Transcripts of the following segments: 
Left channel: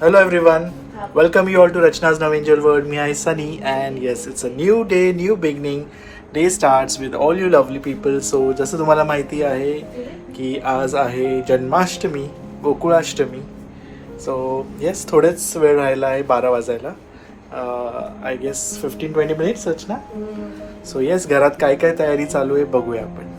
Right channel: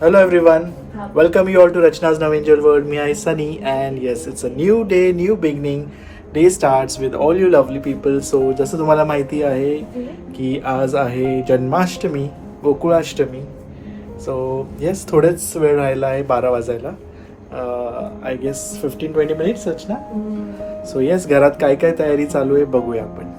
Hello everyone, welcome you all to Rachna's Now Angel World. Me I Sunny and yes, it's a new day, new beginning. Day starts with all you lovely people. So जसं तुम्हाला माहिती आहे की आज आहे Janmashtami, Gokulashtami. So yes, थोडेच वेळ राहिला आहे 12 वाजायला. I guess 15-20 minutes Rachna. So yes, घरात काय काय तयारी चालू आहे बघूया आपण.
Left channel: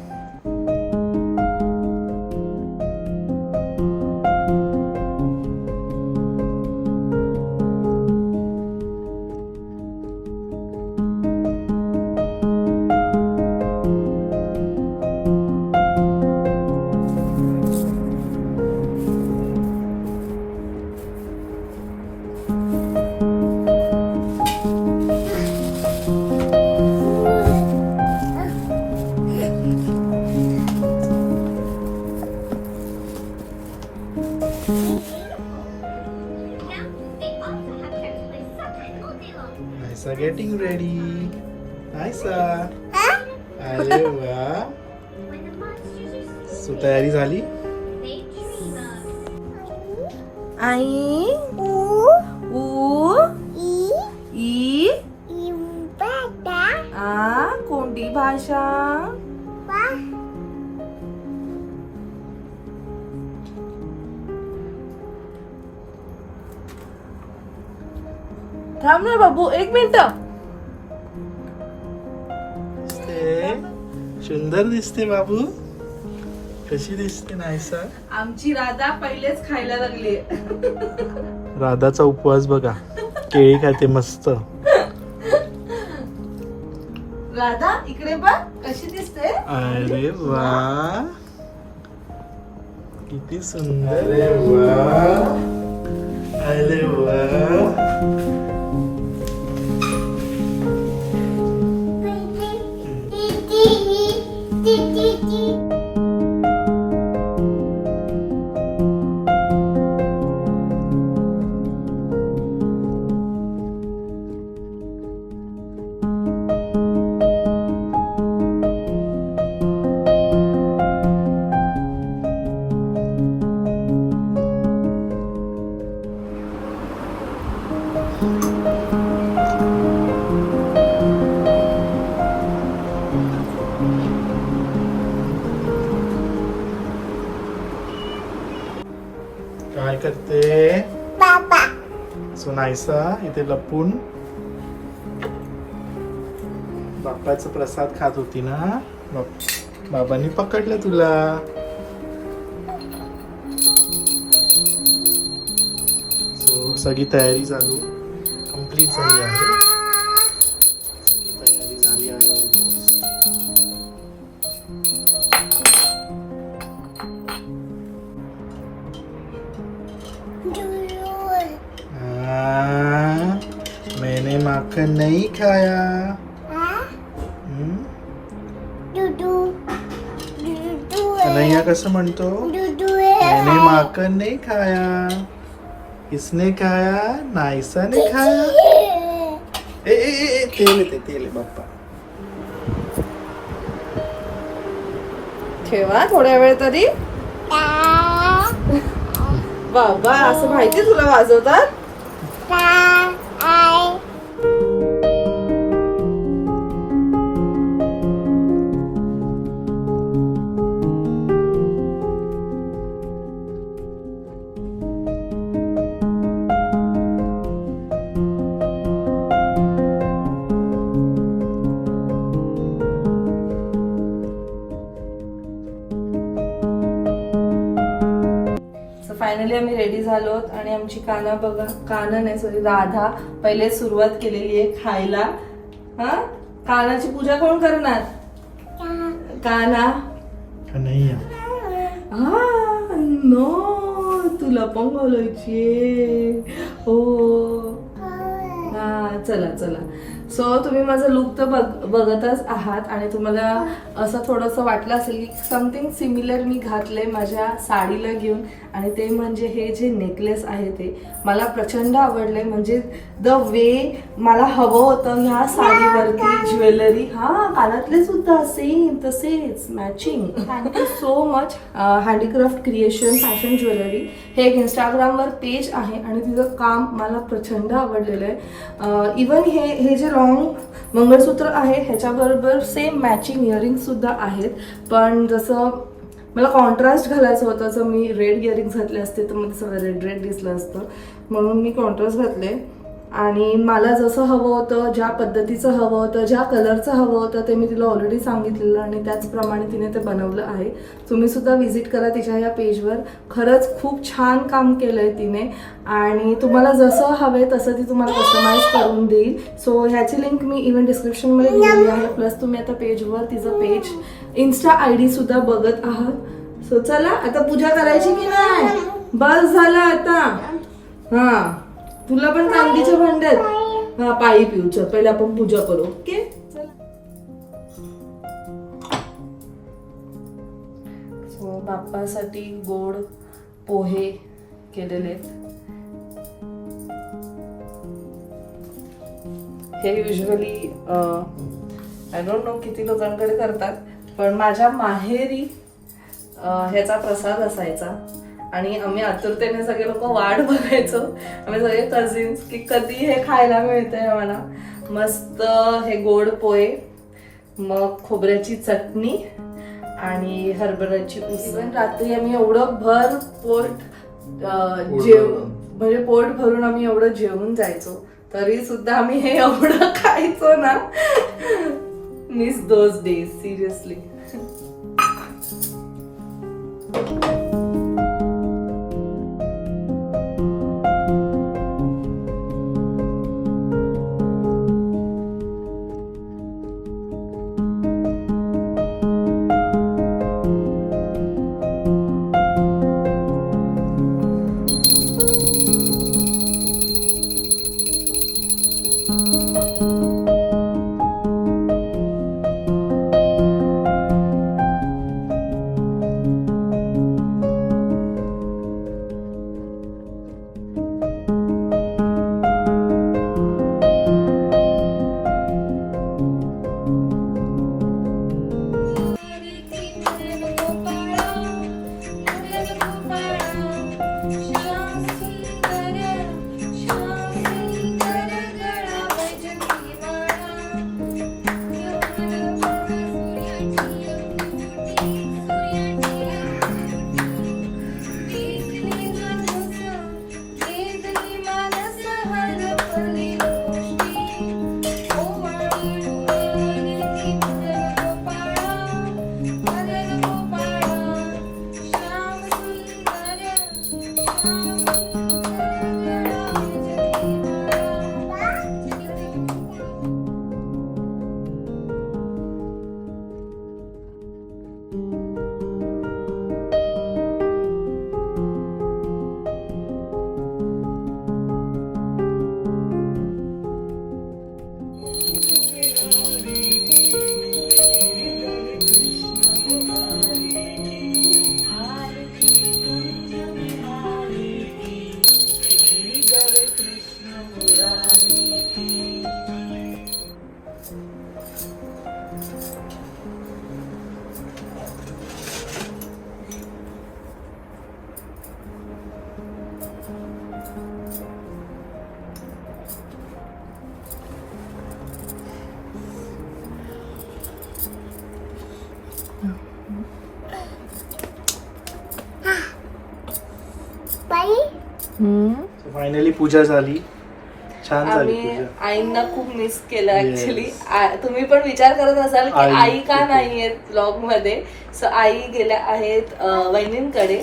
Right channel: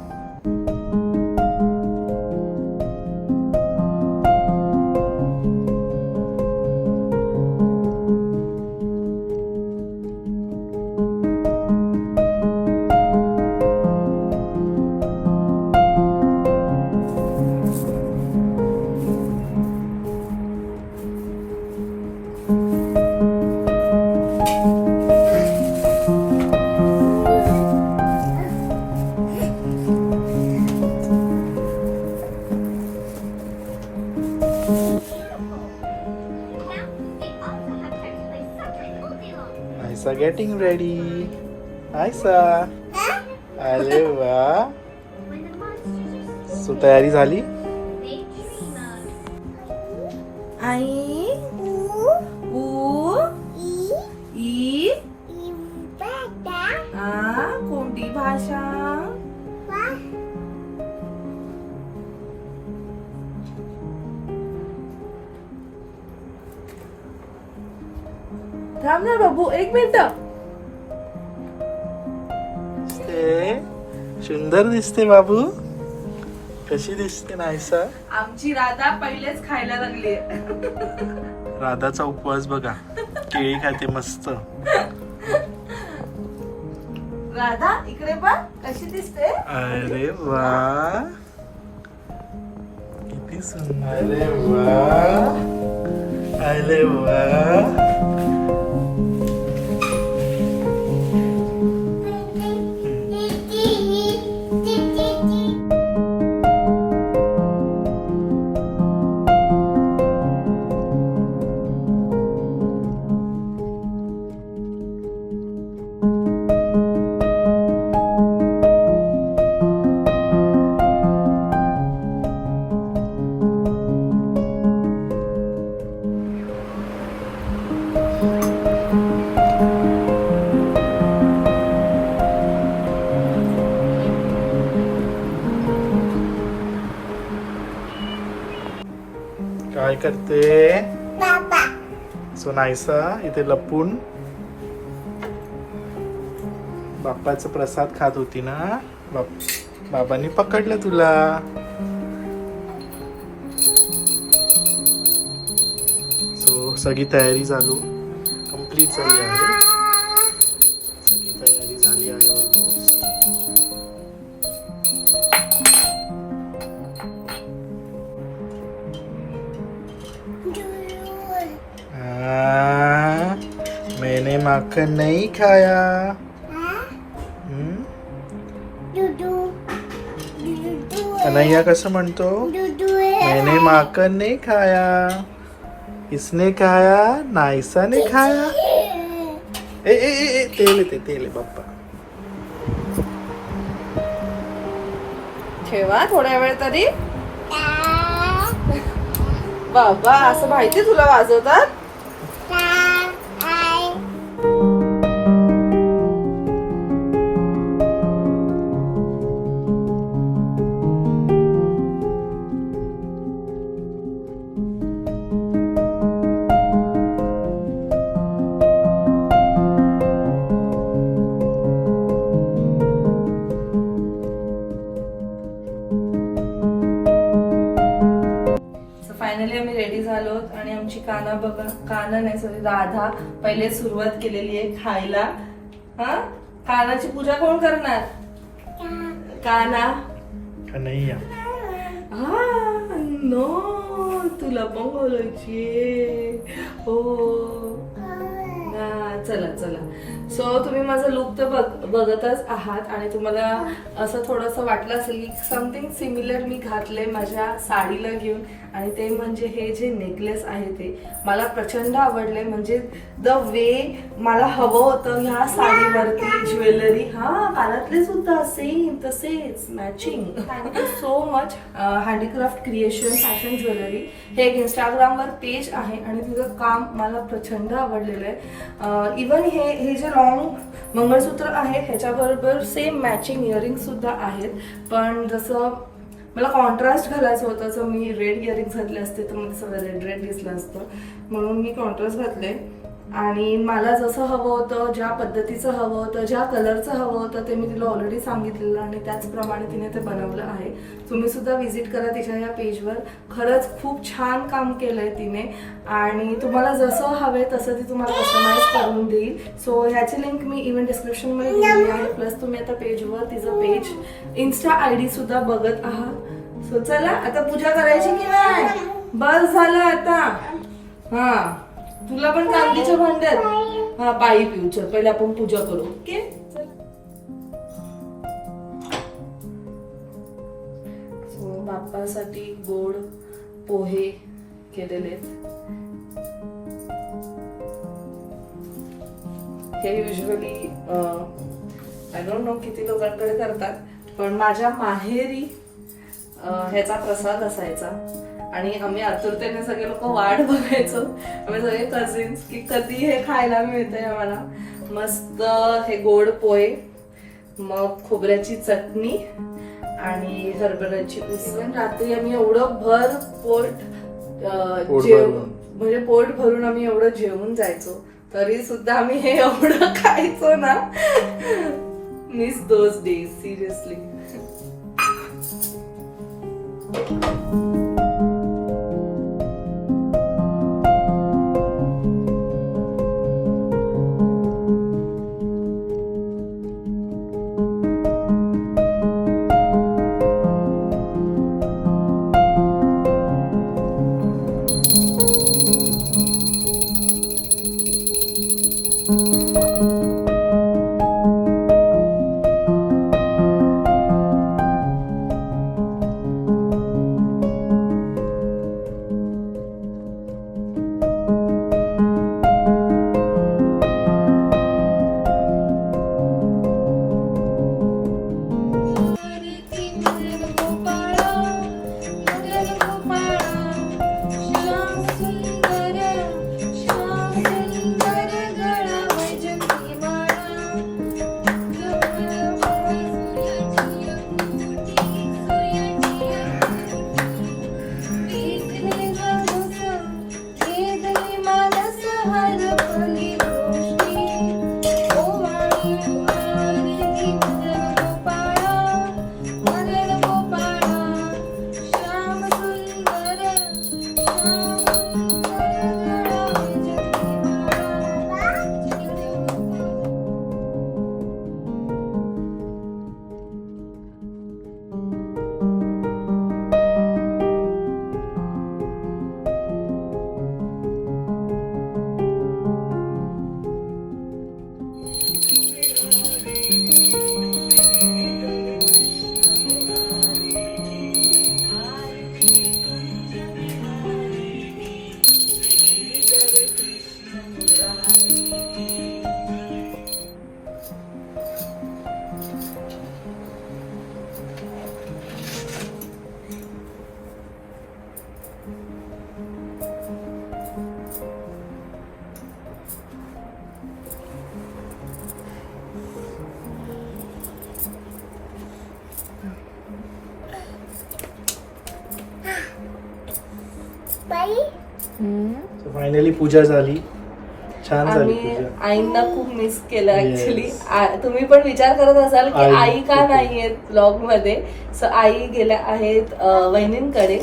Aisa getting ready. Aisa. अरे वा. सो तयारी झाली? आई ऊ ई कोणती भाषा? थांब ना बाबू, 1 मिनिट. सुंदर दिसते बाबू. कशी दिसते नायसा? आमची राधा पहिलेच खायला लागली. राधाचा उपवास बघा, केळी खाते मस्त. राधा इकडे बघ कशी दिसते. अरे वा, किती सुंदर. अरे वा, अरे वा. काय करते बाबा? सो नायसा इथे लपून बाप्पाचा प्रसाद खात होती ना. बाबांनी पकडलं तुला. सो सगळी तयारी चालू कंप्लीट झाली आहे. सगळी तयारी झाली आहे ऑलमोस्ट. मैंने माखन नहीं खाया. कन्हैया कसं म्हणतो? मैंने माखन नहीं खाया. किसने खाया? नायसा ने खाया. ए ए ए तेल आहे बाप्पा. ठेवा थोड्या वेळ तरी. बाबा असं माहिती तुला वाजवतात? फायनली आम्ही रेडी झालो आणि आमची काना बघा, काना नाही सॉरी राधा पहिले सुरुवात केलेली आहे खायला. हा, कानाची पूजा कोण करणार? काना. कन्हैया. हा नो, तुला पण बोलायची. हो हा, चला चला. सो तुम्ही माझं लुक तर बघतच आहात आणि तुम्हाला असं थोडंसं वाटलं असेल की समथिंग सिमिलर मी घातलंय माझ्या साडीला घेऊन, आणि ते म्हणजे हे जे नेकलेस आहे ते मला प्रचंड आवडले. म्हणजे द वे मला हवं होतं ह्या साडीवरती ज्वेलरी, हा कानातले सुद्धा सेम तसेच matching. Thank you so much handicraft creation fashion jewellery. हे एक इंस्टाग्रामवर पेज आहे आणि तिचं काम मला प्रचंड आवडलेलं आहे. इवन हे जे लॉंग मंगळसूत्र आहे ह्याच्याबरोबर सेम मॅचिंग इयरिंग सुद्धा आहेत. पण जसं मला कॉन्ट्रास्ट घालायचं होतं, जर मी रेड इयरिंग्स घातले असते तर मला सगळं रेड रेड दिसलं असतं, म्हणून मी कॉन्ट्रास्ट घातले. आणि मला जसं हवं होतं, ज्या पद्धतीचं हवं होतं, ज्या कलरचं हवं होतं ते मी तिला ऑलरेडी सांगितलेलं आणि त्याचप्रमाणे तिने ते बनवलं आहे. तुम्ही सुद्धा व्हिजिट करा तिच्या या पेजवर. खरंच खूप छान काम केलंय तिने आणि तुम्हाला जसं हवंय तसं ती तुम्हाला कस्टमाइज करून देईल. सो ह्याची लिंक मी इव्हन डिस्क्रिप्शनमध्ये दिलेली आहे. प्लस तुम्ही आता पेजवर तिचं पेज इन्स्टा ID सुद्धा बघत आहात. सो चला आता पूजा करायची की नाही? बस झालं आता. हा तुला पण चांदीच्या भांड्यात हा पाळी पिऊ. चल पहिले आपण पूजा करू. ओके सो बाप्पासाठी गोड पोहे केलेले. हे युजली आय डोंट नो किती लोकांकडे करतात, पण माझ्या माहेरी ह्याचा प्रसाद असायचा आणि आम्ही आतुरतेने सगळे लोक वाट बघायचो. आम्ही सगळे कझिन्स की कधी हे खायला मिळतंय आम्हाला. मस्त हे गोड पोहे, मग खोबऱ्याची चटणी आणि हरभऱ्याची उसळ. रात्री आम्ही एवढं भर पोट म्हणजे पोट भरून आम्ही एवढं जेवून जायचो, तरी सुद्धा आम्ही हे एवढं खायचो ना. Miss those days seriously. Finally puja झाली, छान झाली आम्ही पूजा. आईंना खूप मिस केलं Yes. ऍक्च्युली. तुम्ही पण विचार करत असाल की आई आई का कुठे? नाहीयेत ब्लॉग मध्ये. सो आई गेल्या आहेत वहिनींकडे.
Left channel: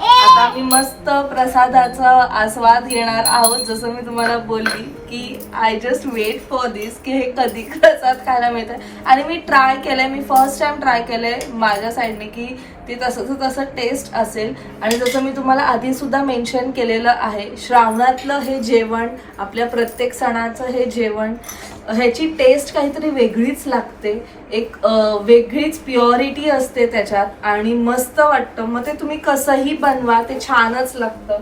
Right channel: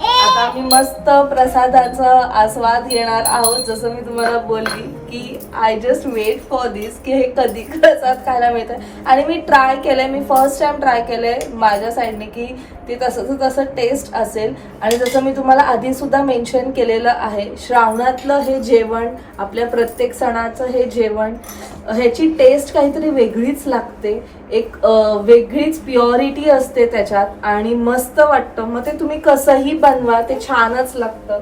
आता आम्ही मस्त प्रसादाचा आस्वाद घेणार आहोत. जसं मी तुम्हाला बोलली की आय जस्ट वेट फॉर दिस की हे कधी प्रसाद खायला मिळतं. आणि मी ट्राय केलंय, मी फर्स्ट टाइम ट्राय केलंय माझ्या साईडने की ते तसं टेस्ट असेल. आणि जसं मी तुम्हाला आधी सुद्धा मेन्शन केलेलं आहे, श्रावणातलं हे जेवण, आपल्या प्रत्येक सणाचं हे जेवण, ह्याची टेस्ट काहीतरी वेगळीच लागते. एक वेगळीच प्युरिटी असते त्याच्यात आणि मस्त वाटतं. मग ते तुम्ही कसंही बनवा ते छानच लागतं.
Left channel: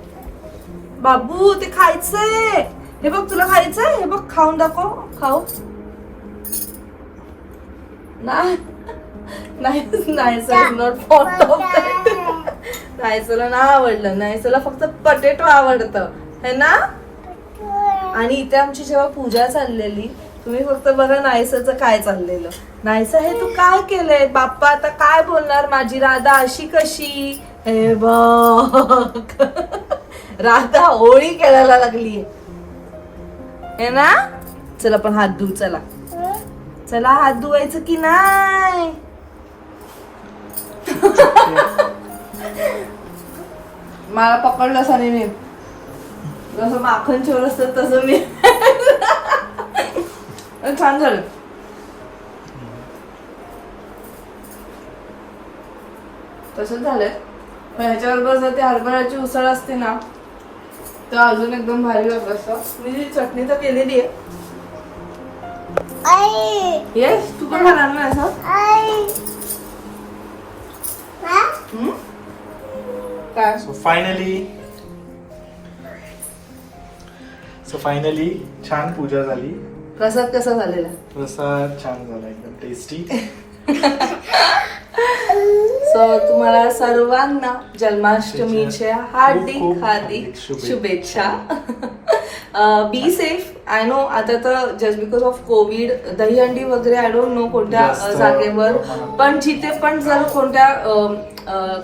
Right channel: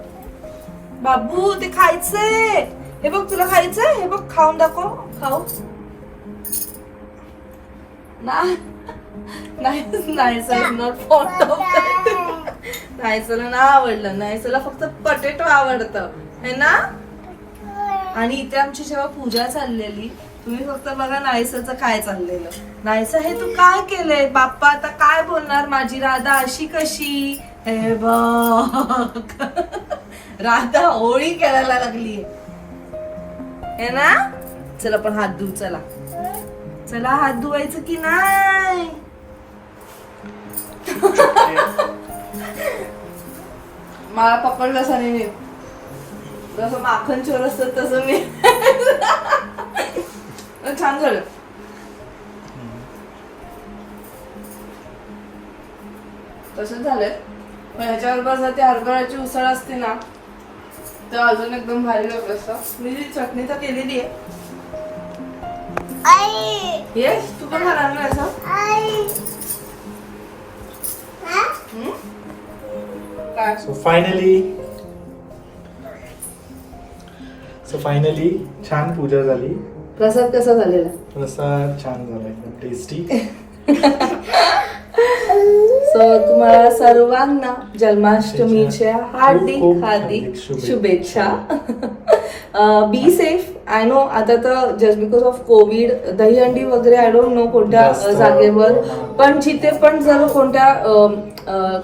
बाबू ते खायचंय, हे बघ तुला खायचंय, हे बघ खाऊन दाखव. खाऊ नाही सर, नॉट फॉन्ड ऑफ नाही सर, ना आवडलं नाही सर, फक्त पटेटो आवडतं है ना. आणि इथे आमची जेव्हा पूजा चाललेली, तुम्ही फक्त बघा नायसचं काय चाललेलं. नायसा हे तू काय केलंय, बाप्पा आता काय बोलणार, माझी राधा अशी कशी, हे बघ राधा होळी खेळायला लागली है ना. चला पण हात धुऊ, चला चला हात धुवायचं की नाही. मला पकडलं साने मी, जसं माखन चोर असतं तसं मी. छान झालं. तसंच झालंय. पण ह्याच्याबरोबर जर ती हरभऱ्याची उसळ असते ना तर अजून एकदम भारी वाटत असतं. मी जी चटणी तर केलेली आहे. येस, तू पण खाणार ना असं. काय सो फायनली छान पूजा झाली. प्रसाद कसा झालेला? प्रसाद छान झाला, एकदम टेस्टी. सो तुम्हाला सर्वांना जन्माष्टमीच्या हार्दिक खूप हार्दिक शुभेच्छा. शुभेच्छा. Be safe. आय नो आता तर just because of Covid Dahihandi वगैरे आय डोंट नो कोणत्या जास्त जागेवर, पण जिथे पण जर कोणत्या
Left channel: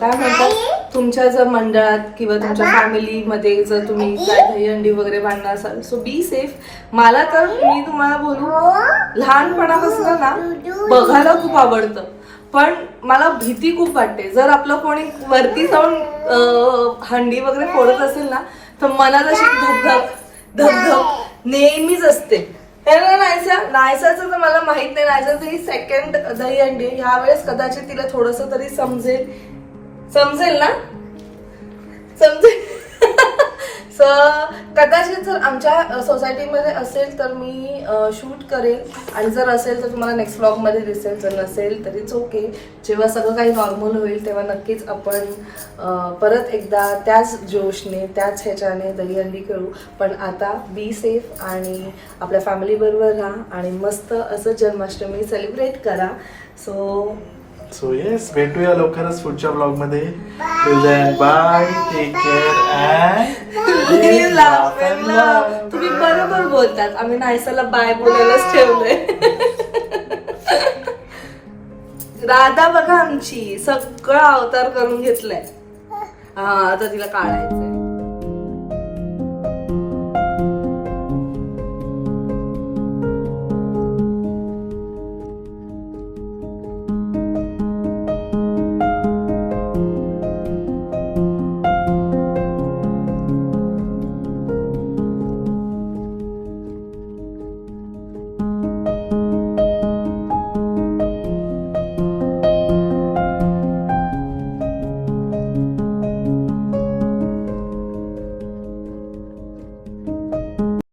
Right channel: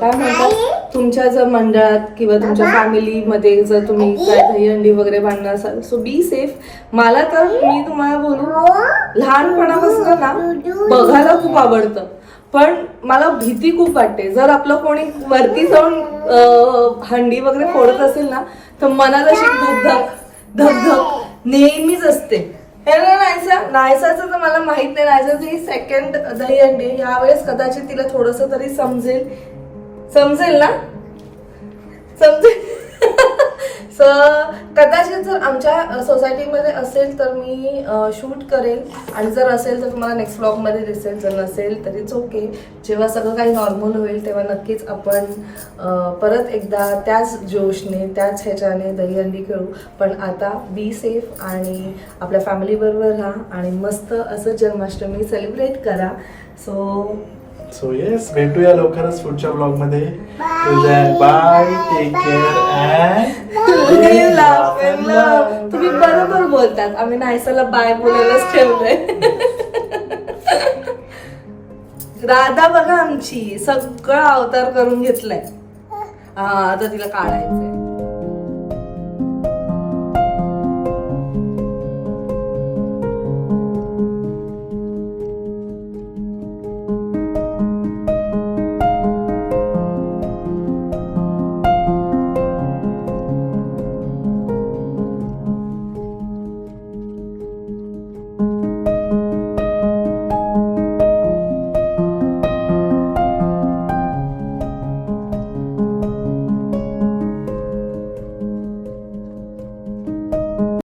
काय म्हणतात तुमच्या जर मंडळात किंवा तुमच्या फॅमिलीमध्ये जर तुम्ही काय दहीहंडी वगैरे बांधणार असाल, सो बी सेफ. मला तर मी तुम्हाला बोलू, लहानपणापासून ना बघायला खूप आवडतं, पण मला भीती खूप वाटते. जर आपलं कोणी वरती जाऊन हंडी वगैरे फोडत असेल ना तर मनात अशी धगधग नेहमीच असते. नायसाचं तर मला माहित नाही, नायसाचं ही सेकंड दहीहंडी. यावेळेस कदाचित तिला थोडस तरी समजेल ना, समजेल. सो कदाचित जर आमच्या सोसायटीमध्ये असेल तर मी शूट करेल, आणि जर असेल तर तुम्हाला नेक्स्ट व्लॉगमध्ये दिसेल. जर नसेल तरीच ओके. जेव्हा सगळं काही नॉर्मल होईल तेव्हा नक्कीच आपण परत एकदा त्याच जोशने त्याच ह्याच्याने दहीहंडी खेळू. पण आता बी सेफ आणि आपल्या फॅमिलीबरोबर राहा आणि मस्त असं जन्माष्टमी सेलिब्रेट करा. सो येस, भेटूया लवकरच पुढच्या ब्लॉग मध्ये. Till then bye, take care and तुम्ही बरोबर बोलतात. आम्ही नायसाला बाय बोलायलाच ठेवलंय. राधा बघा आमची सगळं अवतार करून घेतलाय. हा आता तिला काढायचं.